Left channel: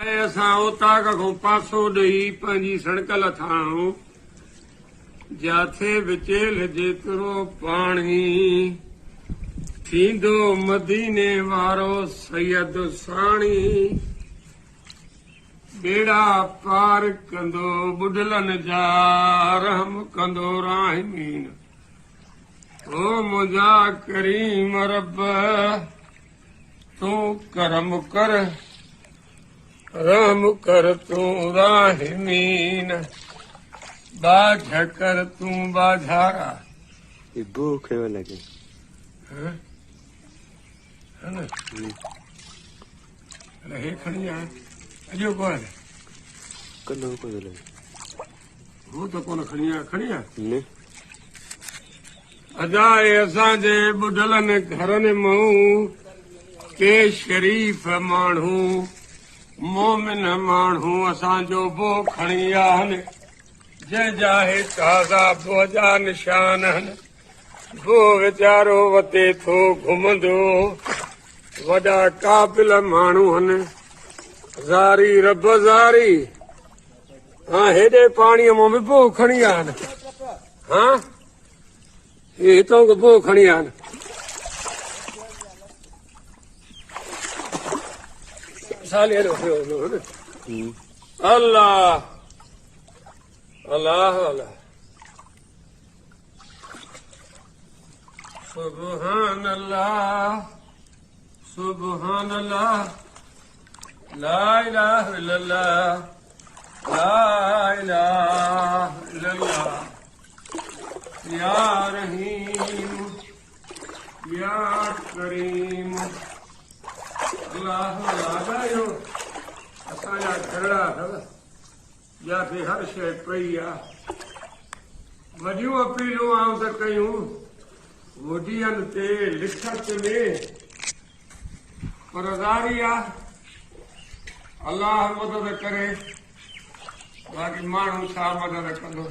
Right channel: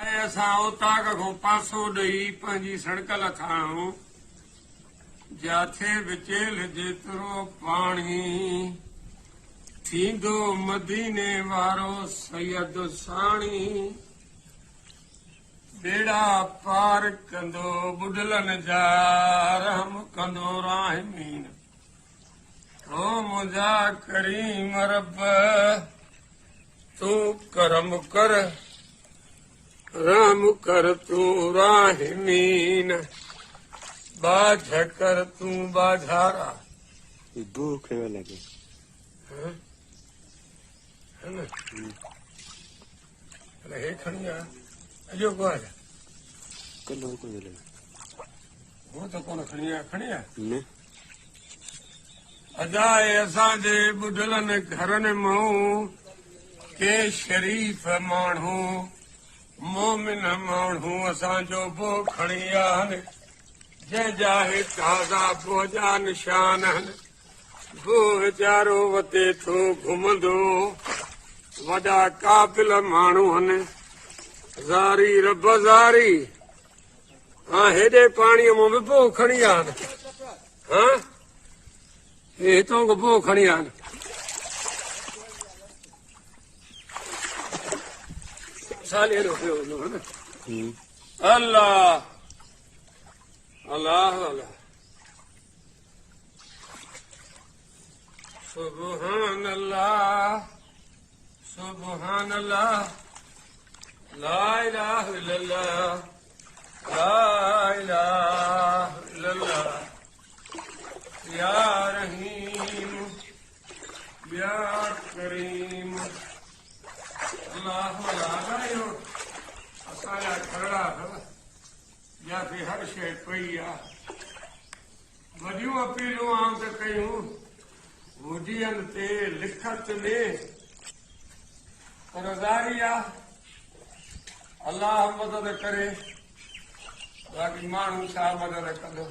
असां उतां खां पासो ॾेई पंहिंजी सड़क लथाऊं जिथे विचेल जेतिरो पाणी थींदो मदीने वारो सैयद साणी बेड़ा पार कंदो बुढलनि जा रहम कंदो राहिमीन ओ मुंहिंजा करीम रब तूं करम कर रहम कर तूं राहिमीन बाझ कर तूं बाझारा भूख लगे हे खणी आ अॼो कोन कलो को लगे हू त कोन खणी आ ने अजाए असांजे बुढलनि घरनि मां के शरीफ़ माण्हू मोमिन माण्हू असांजो बो खणी आहिनि जंहिंजा हे ताज़ा बो जा निशान आहिनि बो वीचारो वते थो घुमंदो वॾा क़ाबिल माण्हू आहिनि ज़ारी रब ज़ारी हा हेॾे पाणीअ मां बि बो खणी आहिनि हा हे हितां खां बो खणी आहिनि अल्लाह अल्लाह अल्लाह सुबहान अल्लाह सुबहान अल्लाह ला इलाहा इल्लल्लाह ला इलाहा इल्लल्लाह या रहीम या करीम अल्लाह लागायो असांजा खरड़ा अथव जिथे हर शइ पई आहे वॾियूं अपीलूं आऊं त कयूं मुदीअनि ते लिख चुने पर ज़ारी आहे अल्लाह मदद करे बाक़ी माण्हू छा मदद कंदो